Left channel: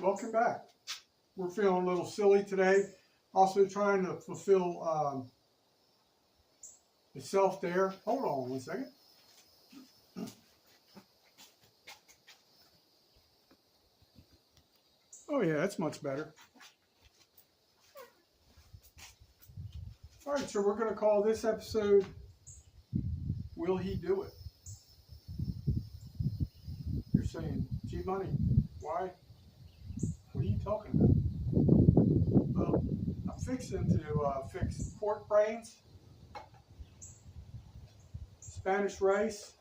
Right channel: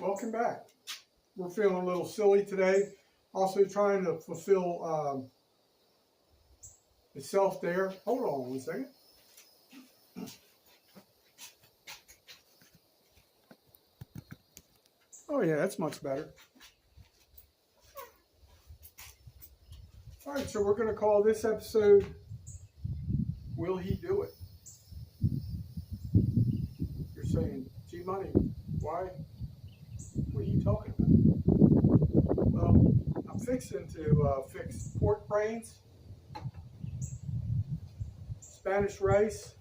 Welcome back. We're feeling a little silly today. Also trying to fulfill the self-dare. Hold on one second. Oh yeah, that's much better. All right, so we're going to call this episode, Will He Do It? You're saying, G Money, why? What are you talking about? Well, I'm fixing to fix pork brains, Spanish rice,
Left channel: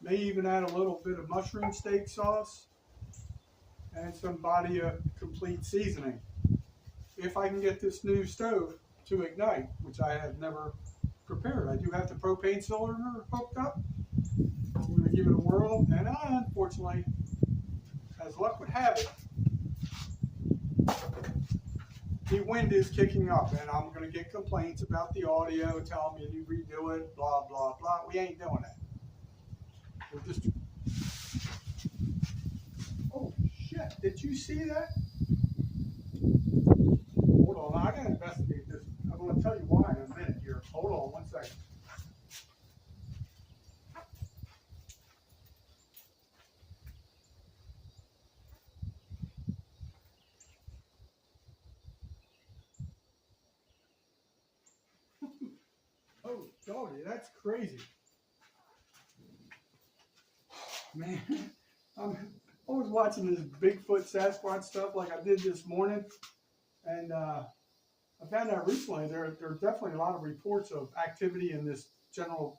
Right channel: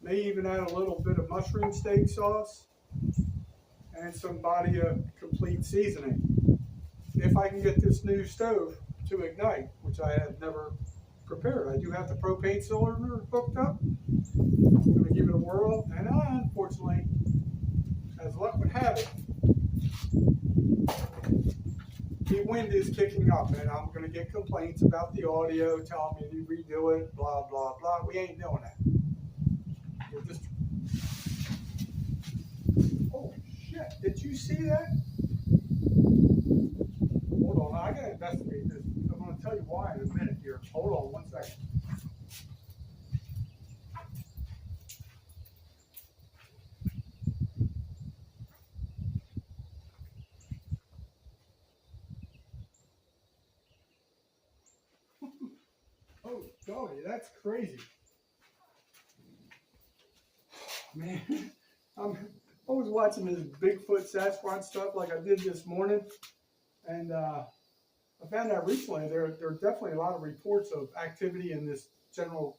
may even add a little bit of mushroom steak sauce, and some Badia complete seasoning. If I can get this new stove to ignite, which I have never prepared. I do have the propane cylinder hooked up. I'm going to give it a whirl, and unfortunately, as luck would have it, the wind is kicking up, and I'm going to get complaints about the audio, telling me to redo it, blah, blah, blah. We ain't doing that. We're just... Oh, shit. Did you see that? Hold on. I got to investigate this. I'm going to tell you why in a minute here. Hold on one second. Oh, golly, that's crazy. Man, I'm always watching this Bigfoot Sasquatch stuff like I did this morning. And I found out recently there are definitely a lot of reports of activity in this general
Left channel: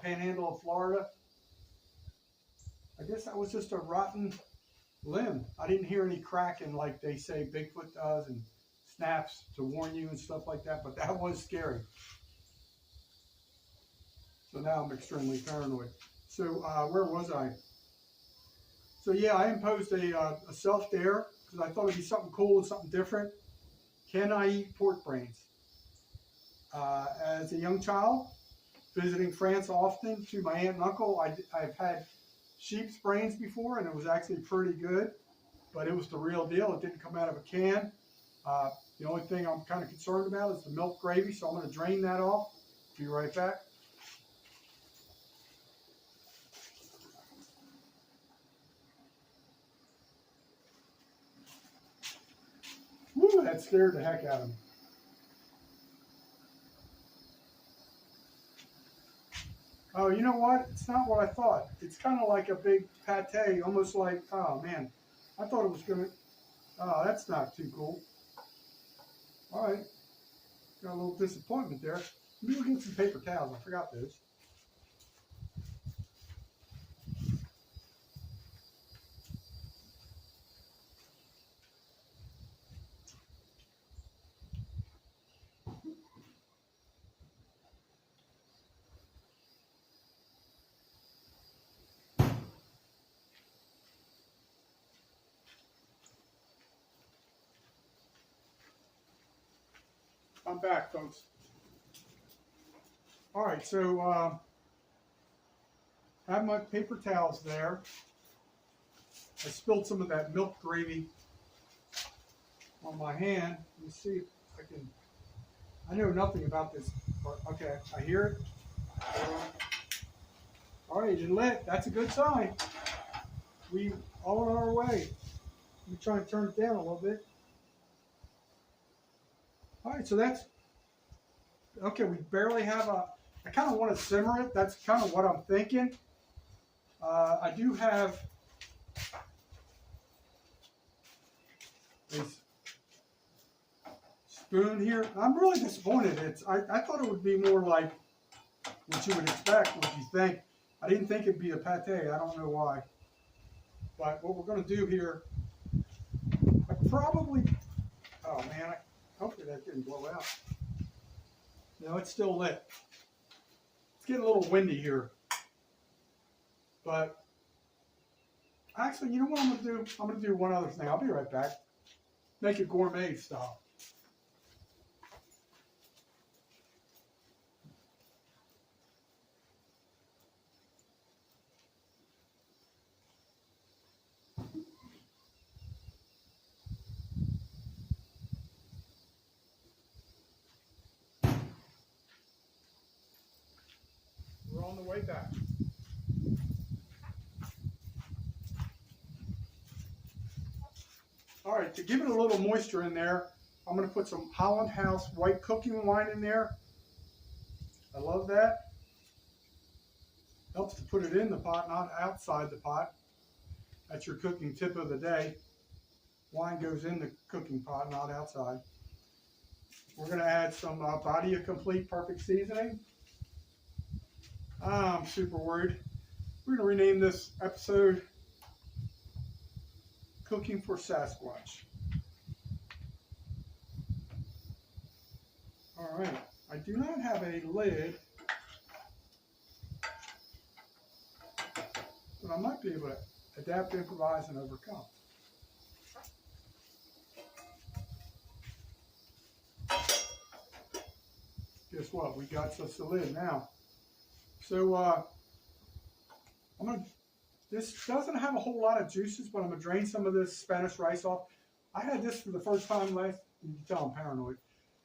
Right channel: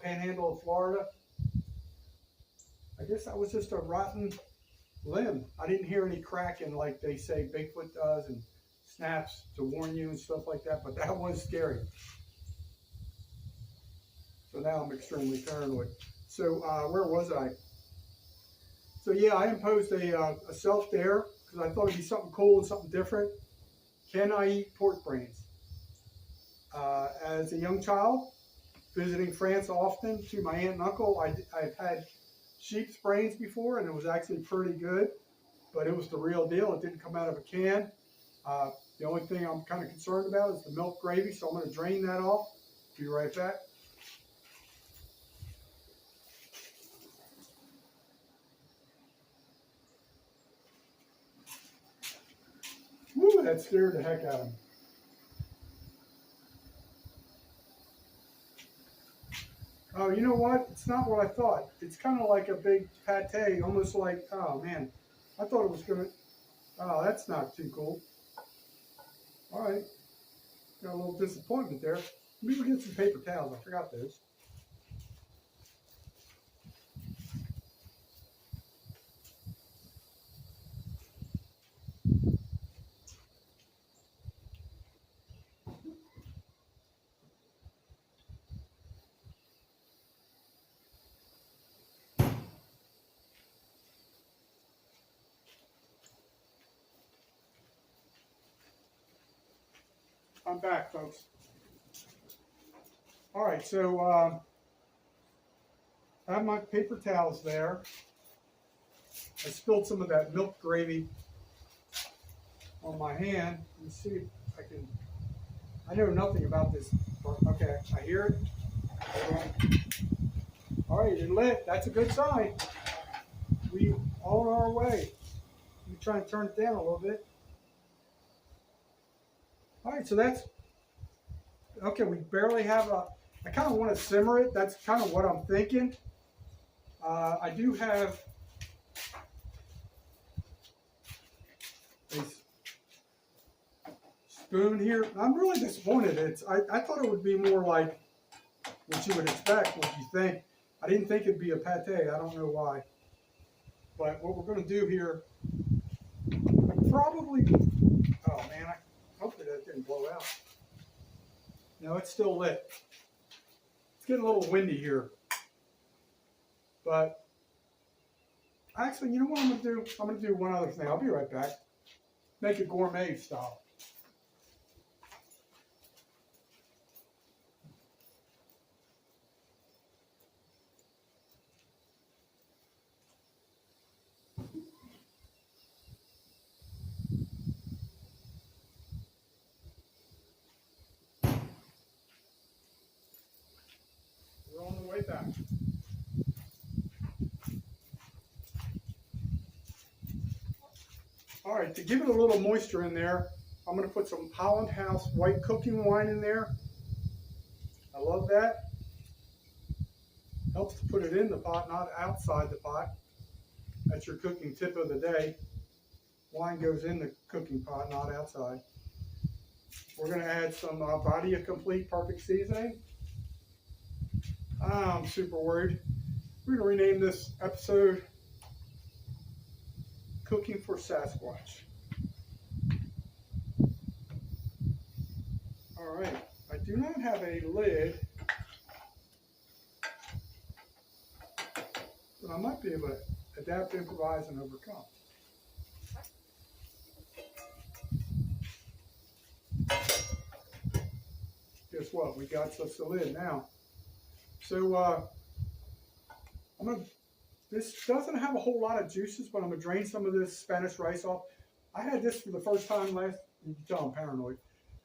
panhandle of Florida. I guess that was just a rotten limb. I didn't hear any cracking like they say Bigfoot does and snaps to warn you and stuff like that, but that was scary. So now I'm extremely paranoid. So where was I? So yeah, I imposed a self-dare because I thought it'd be something cool and something different. Can I eat pork brains? As a young child, visiting France often to my aunt and uncle, I've had sheep's brains before, and it was actually pretty good, but it was the real deal. It didn't come out of a can. The only thing I'm kind of concerned about is the milk gravy, so I'm going to drain that off. Be right back. Woo, that scared the heck out of me. Oh, you know what? It's not what I thought. It's kind of like a big pate, almost like, oh man, I thought it was going to, oh, that's not too cool. All right, got a little disappointment there. Let me go get some paper towels. I forgot those. I'm back, folks. All right, so I have my paper towels there. I spilled some of that milk gravy on my hand. Let me see if I can. I know nothing about this part. Okay, I hear it. Hold on. All right, it lit. That's a good sign. We on our way. Let me try and turn it down a little bit. All right, so that's okay. We barely have a. I kind of want to simmer it. That's kind of what I'm thinking. I do have a spoon here. I'm really disappointed. I thought it would be more like what you would expect, what you think. I didn't think it'd be a pate. I don't know why. But what we're going to do here, probably, oh man, hopefully that didn't blow out. No, it's still lit. It's getting a little windy here. But actually, you know what I'm going to do? I'm going to do one other thing. I'll be right back. Make it gourmet style. right back. All right, to give it a little moisture in there, I'm going to put some Holland House white cooking wine in there. I love that. Helps to put it in the pot, not outside the pot. That's your cooking tip of the day. Wine goes in the cooking pot, not outside. We're going to add some Badia Complete Perfect Seasoning. I'm super worried. We're going to rename this episode Cooking for Sasquatch. All right, I do not have a lid, but I might be able to adapt, improvise, and overcome. Guess what? We got just the lid now. So this doesn't have a whole lot of juices, but I'm gonna drain some of this Spanish rice off. I had this for the first time you can tell I'm paranoid.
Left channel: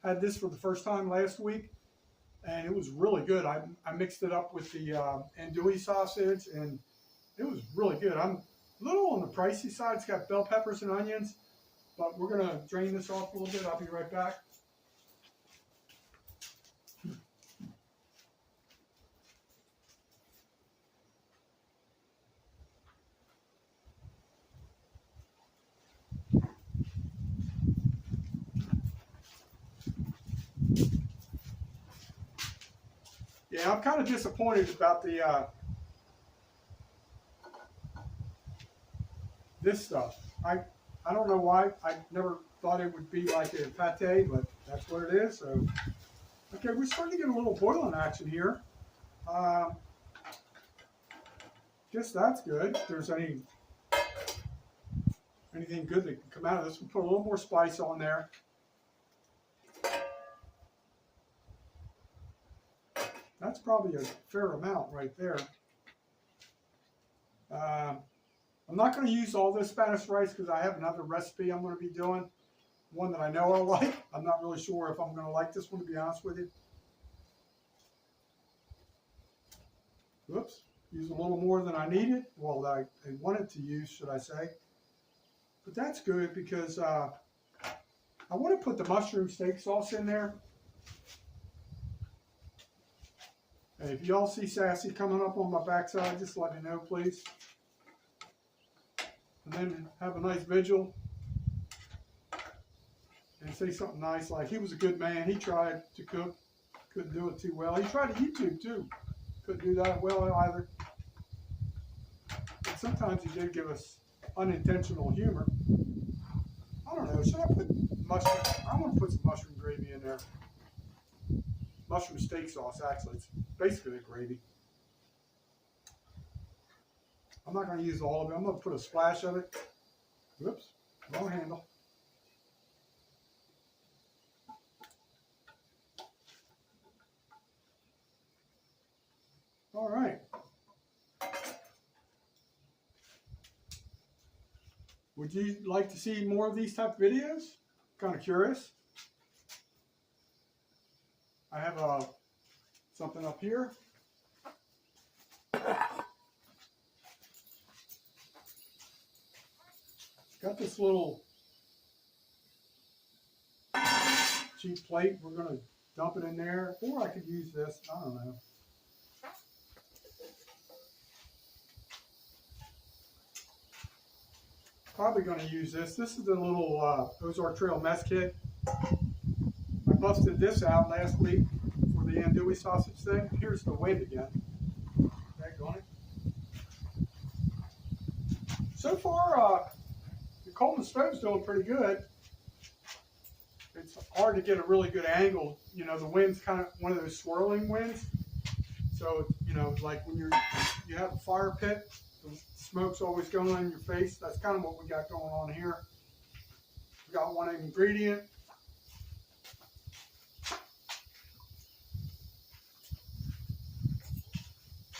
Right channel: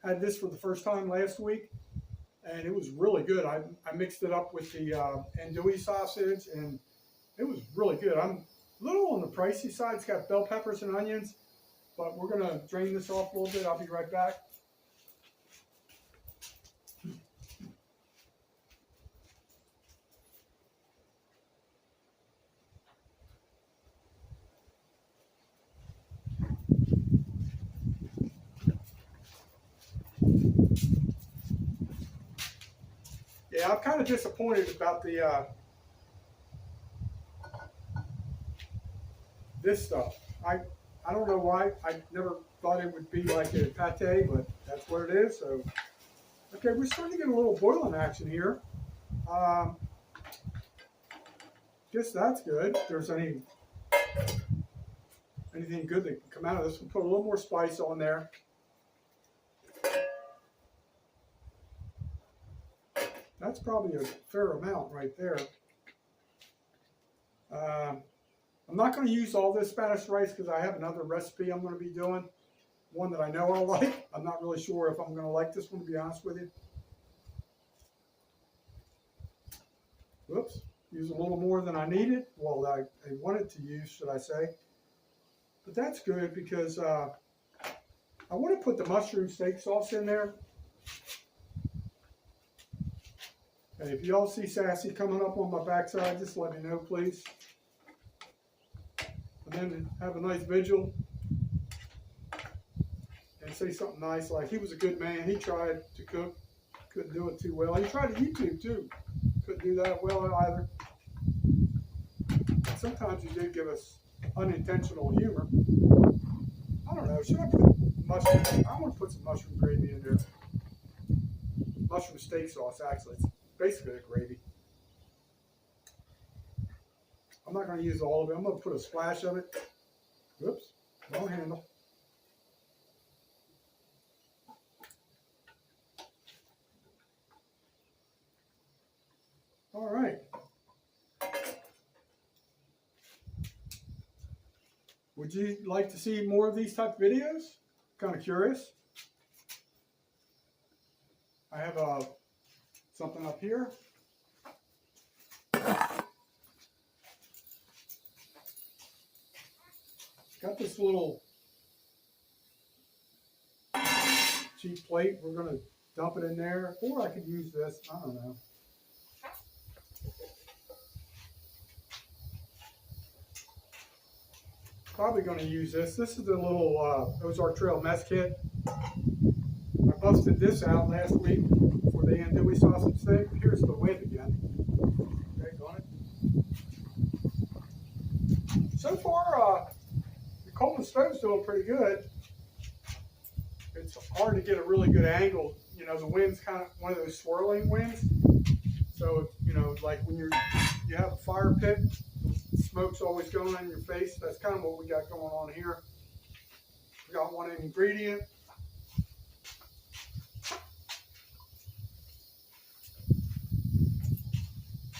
I had this for the first time last week, and it was really good. I mixed it up with the andouille sausage, and it was really good. I'm a little on the pricey side. It's got bell peppers and onions, but we're gonna drain this off a little bit. I'll be right back. Yeah, I'm kind of disappointed about the this stuff. I don't know why. I never thought it would be like a pate, but that's what it is. So, okay, we're starting to get a little boiling action here. Guess that's good. If there's anything good that can come out of this, we'll put a little more spice on there. That's probably a fair amount right there. I'm not going to use all this Spanish rice because I have another recipe I'm going to be doing. One that I know I'll like. I'm not really sure if I'm going to like this one, to be honest with you. Whoops. Use a little more than I needed. Well, I wanted to use, should I say. But that's good because I want to put the mushroom steak sauce in there. Hey, if y'all see Sassy coming up on my backside, just let me know, please. And then have a nice vigil and say something nice like, he was a good man. He tried to cook, couldn't do it too well. He tried to YouTube too, couldn't do that well either. But sometimes he did give us unintentional humor. I don't know, should I put mushroom? I want to put some mushroom gravy in there. Mushroom steak sauce, actually. It's basically a gravy. I'm not going to use all of it. I'm going to put a splash of it. Whoops, wrong handle. All right. Would you like to see more of these type of videos? Kind of curious. I have something up here. Got this little cheap plate. We're going to dump it in there, or I could use this. I don't know. Probably going to use this. This is the little Ozark Trail mess kit. I busted this out last week for the andouille sausage thing. Here's the wind again. Okay, on it. So far, the Coleman stove's doing pretty good. It's hard to get a really good angle. You know, the wind's kind of one of those swirling winds. So, you know, like when you have a fire pit, the smoke's always going on in your face. That's kind of what we got going on here. We got one ingredient.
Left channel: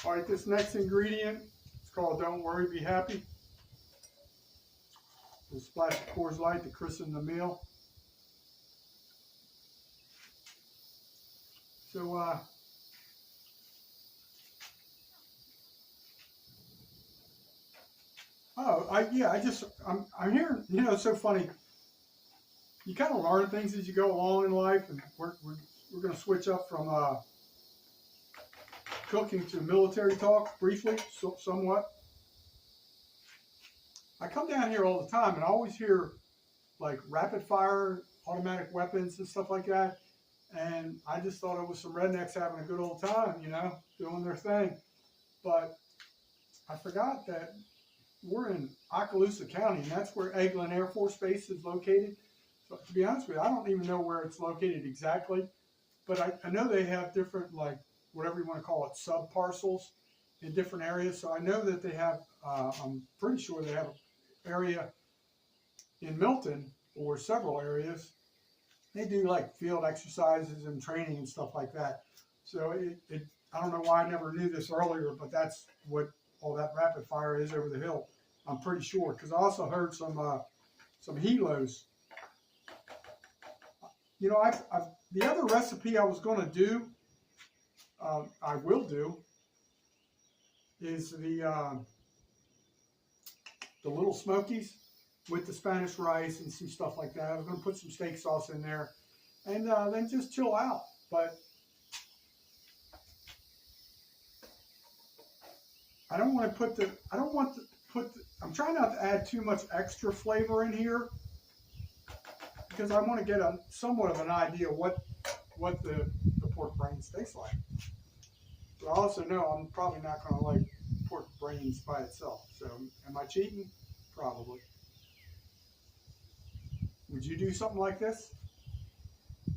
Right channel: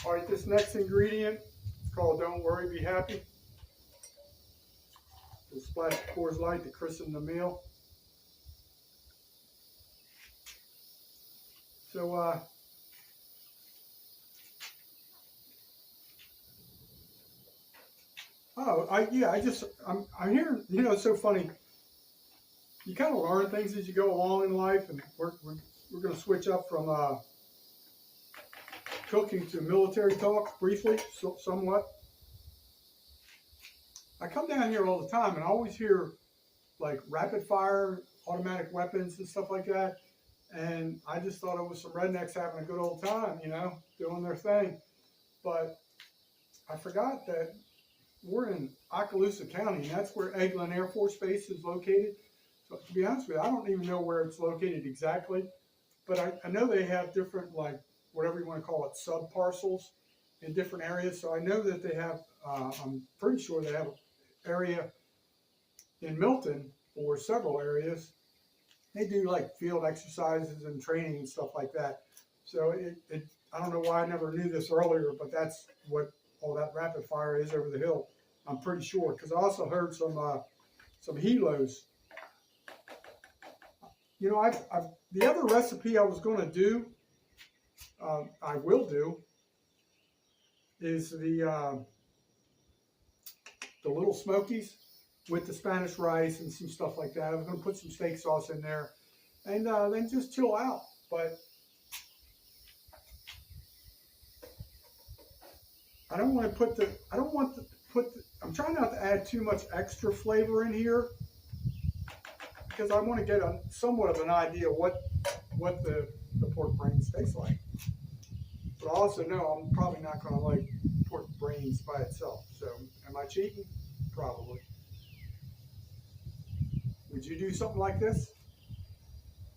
All right, this next ingredient is called Don't Worry, Be Happy. We'll splash the Coors Light to christen the meal. So, Oh, I'm hearing, it's so funny. You kind of learn things as you go along in life, and we're going to switch up from cooking to military talk briefly, somewhat. I come down here all the time, and I always hear like rapid fire automatic weapons and stuff like that. And I just thought it was some rednecks having a good old time, doing their thing. But I forgot that we're in Okaloosa County, and that's where Eglin Air Force Base is located. So to be honest with you, I don't even know where it's located exactly, but I know they have different, like, whatever you want to call it, sub-parcels in different areas. So I know that they have, I'm pretty sure they have an area in Milton, or several areas. They do like field exercises and training and stuff like that. So I don't know why I never knew this earlier, but that's what all that rapid fire is over the hill. I'm pretty sure, because I also heard some helos. The other recipe I was going to do, I will do, is the Little Smokies with the Spanish rice and some stuff like that. I was going to put some steak sauce in there, and then just chill out. But I don't want to put I'm trying not to add too much extra flavor in here, because I want to get somewhat of an idea what the pork brains taste like. But I also know I'm probably not going to like pork brains by itself. So am I cheating? Probably. Would you do something like this?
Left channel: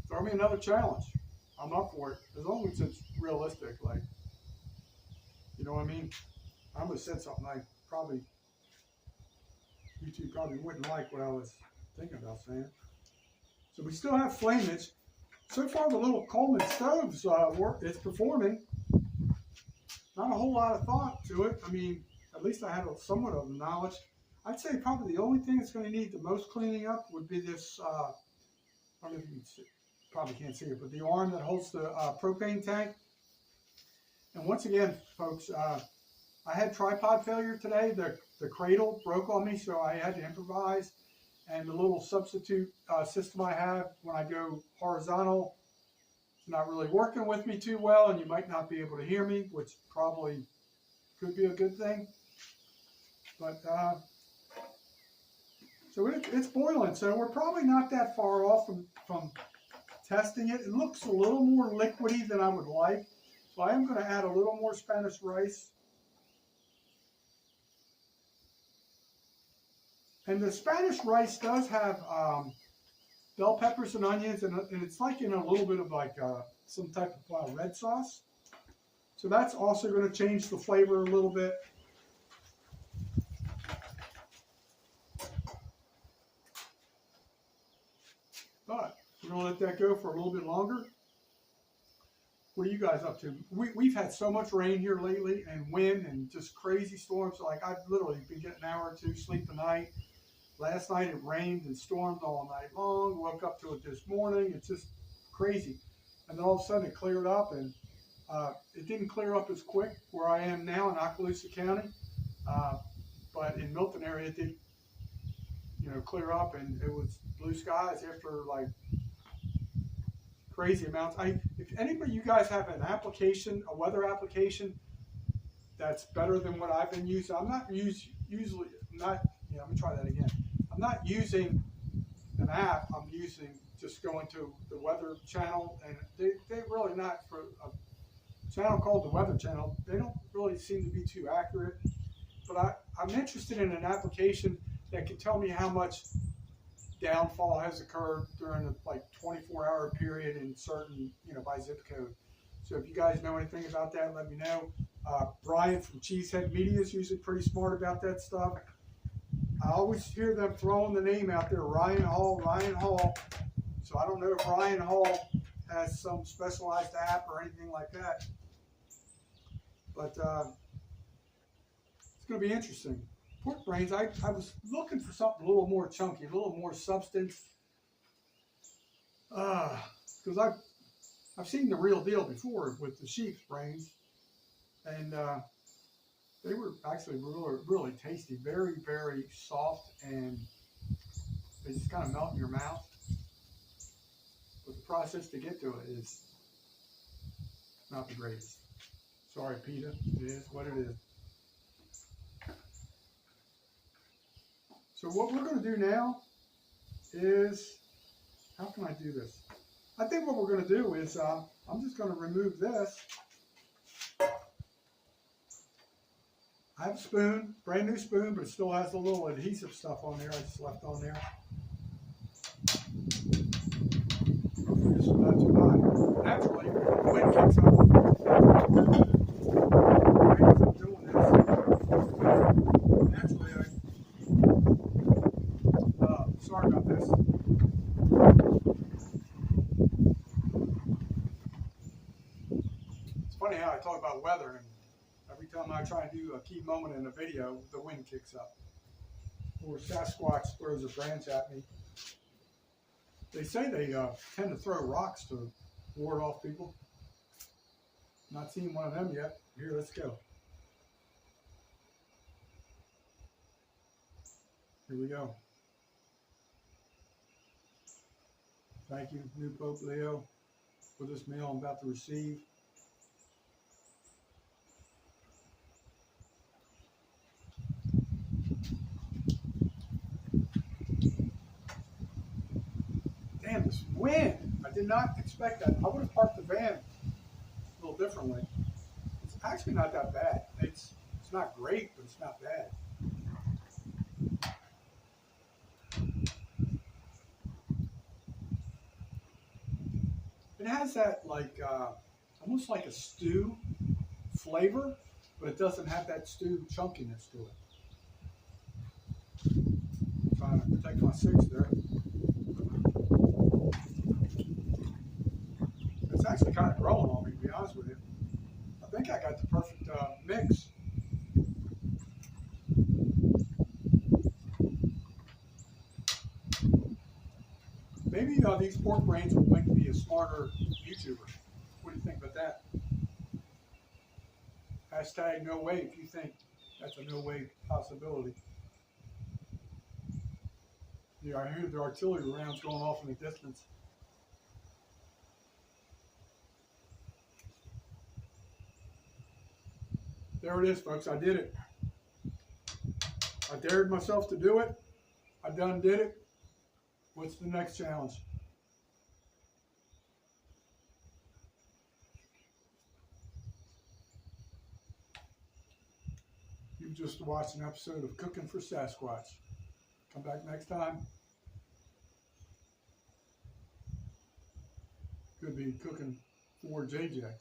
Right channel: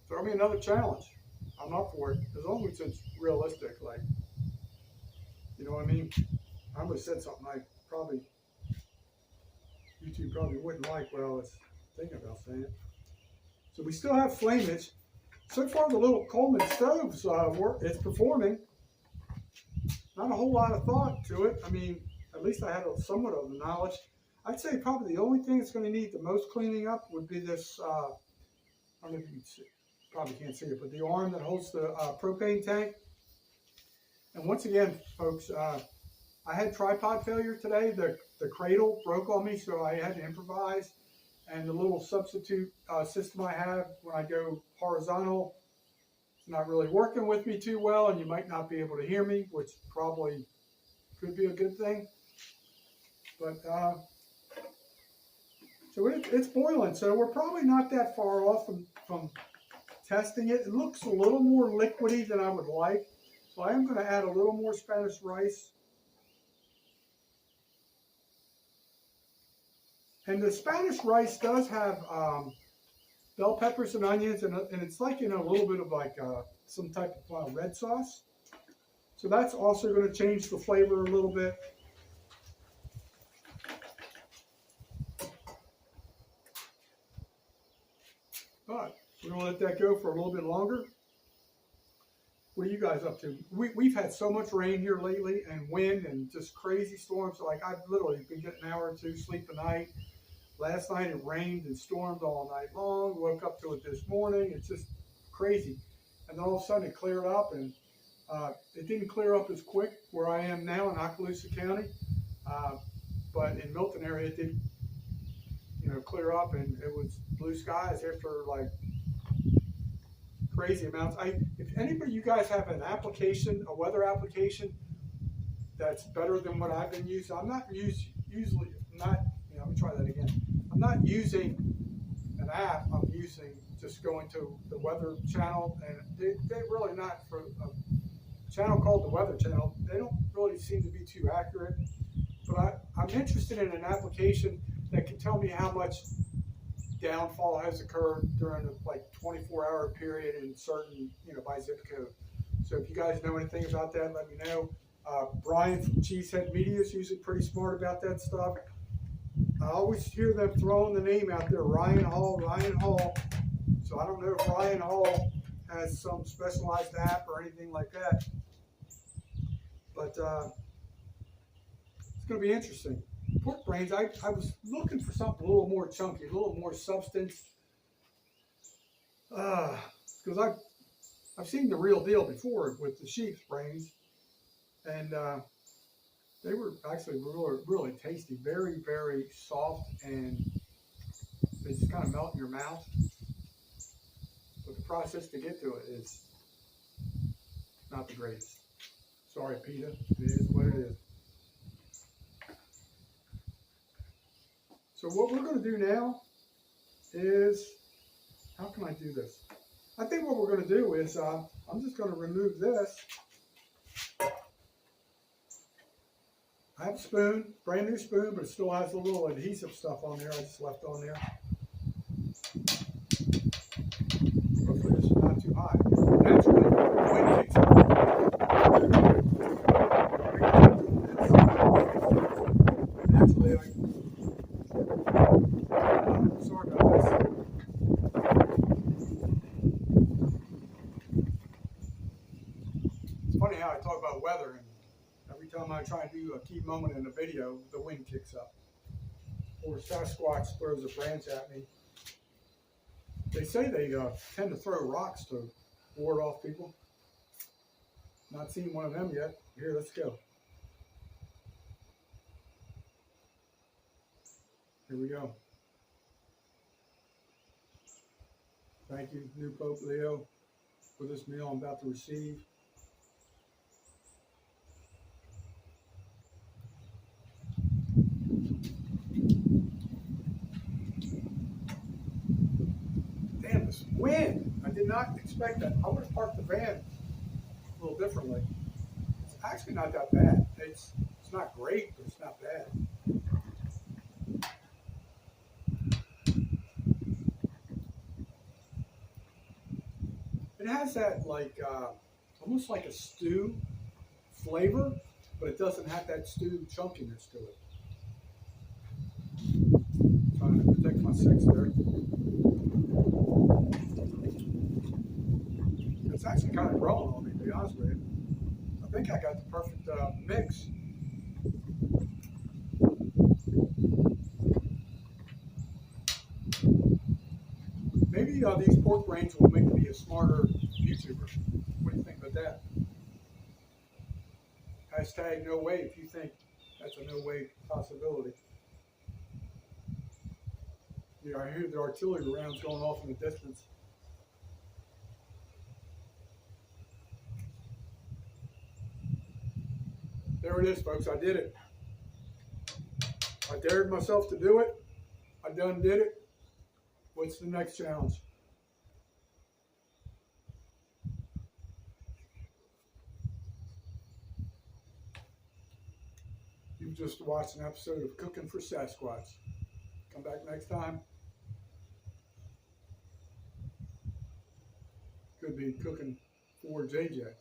Throw me another challenge. I'm up for it, as long as it's realistic. Like, you know what I mean? I would have said something like, YouTube probably wouldn't like what I was thinking about saying. So we still have flameage. So far, the little Coleman stoves, it's performing. Not a whole lot of thought to it. I mean, at least I had somewhat of the knowledge. I'd say probably the only thing that's going to need the most cleaning up would be this, I don't know if you can see, probably can't see it, but the arm that holds the propane tank. And once again, folks, I had tripod failure today. The cradle broke on me, so I had to improvise. And the little substitute system I have when I go horizontal, it's not really working with me too well, and you might not be able to hear me, which probably could be a good thing. But so it's boiling, so we're probably not that far off from testing it. It looks a little more liquidy than I would like, so I am going to add a little more Spanish rice. And the Spanish rice does have bell peppers and onions, and it's like in a little bit of like some type of red sauce. So that's also going to change the flavor a little bit. But we're going to let that go for a little bit longer. What are you guys up to? We've had so much rain here lately, and wind, and just crazy storms. Like, I've literally been getting an hour or two sleep a night. Last night it rained and stormed all night long. Woke up to it this morning. It's just crazy. And then all of a sudden it cleared up, and it didn't clear up as quick where I am now in Okaloosa County. But in Milton area it did, clear up, and it was blue skies after like crazy amounts. If anybody, you guys have an application, a weather application that's better than what I've been using. I'm not usually not. Let me try that again. I'm not using an app. I'm using just going to the Weather Channel, and they really not for a channel called the Weather Channel. They don't really seem to be too accurate. But I'm interested in an application that can tell me how much downfall has occurred during a 24-hour period in certain, by zip code. So if you guys know anything about that, let me know. Brian from Cheesehead Media is usually pretty smart about that stuff. I always hear them throwing the name out there, Ryan Hall. So I don't know if Ryan Hall has some specialized app or anything like that. But it's going to be interesting. Pork brains, I was looking for something a little more chunky, a little more substance. Because I've seen the real deal before with the sheep's brains. And They were actually really, really tasty, very, very soft, and they just kind of melt in your mouth. But the process to get to it is not the greatest. Sorry, PETA. It is what it is. So what we're going to do now is, how can I do this? I think what we're going to do is, I'm just going to remove this. I have a spoon, brand new spoon, but it still has a little adhesive stuff on there I just left on there. Hopefully this is not too hot. Naturally, the wind kicks up. Naturally, sorry about this. It's funny how I talk about weather, and every time I try and do a key moment in a video, the wind kicks up. Or Sasquatch throws a branch at me. They say they tend to throw rocks to ward off people. Not seen one of them yet. Here, let's go. Here we go. Thank you, new Pope Leo, for this meal I'm about to receive. Damn, this wind. I did not expect that. I would have parked the van a little differently. It's actually not that bad. It's not great, but it's not bad. It has that almost like a stew flavor, but it doesn't have that stew chunkiness to it. Trying to protect my six there. It's actually kind of growing on me, to be honest with you. I think I got the perfect mix. Maybe these pork brains will make me a smarter YouTuber. What do you think about that? Hashtag no way if you think that's a no way possibility. Yeah, I hear the artillery rounds going off in the distance. There it is, folks. I did it. I dared myself to do it. I done did it. What's the next challenge? You've just watched an episode of Cooking for Sasquatch. Come back next time. Could be cooking for JJ.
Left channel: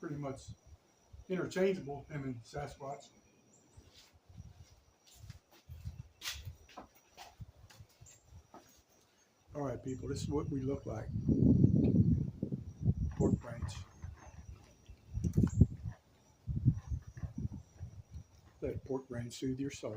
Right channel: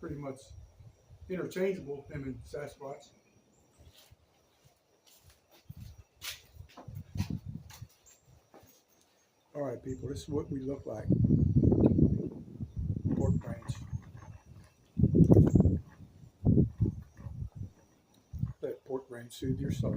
Pretty much interchangeable, him and Sasquatch. All right, people, this is what we look like. Pork brains. Let pork brains soothe your soul.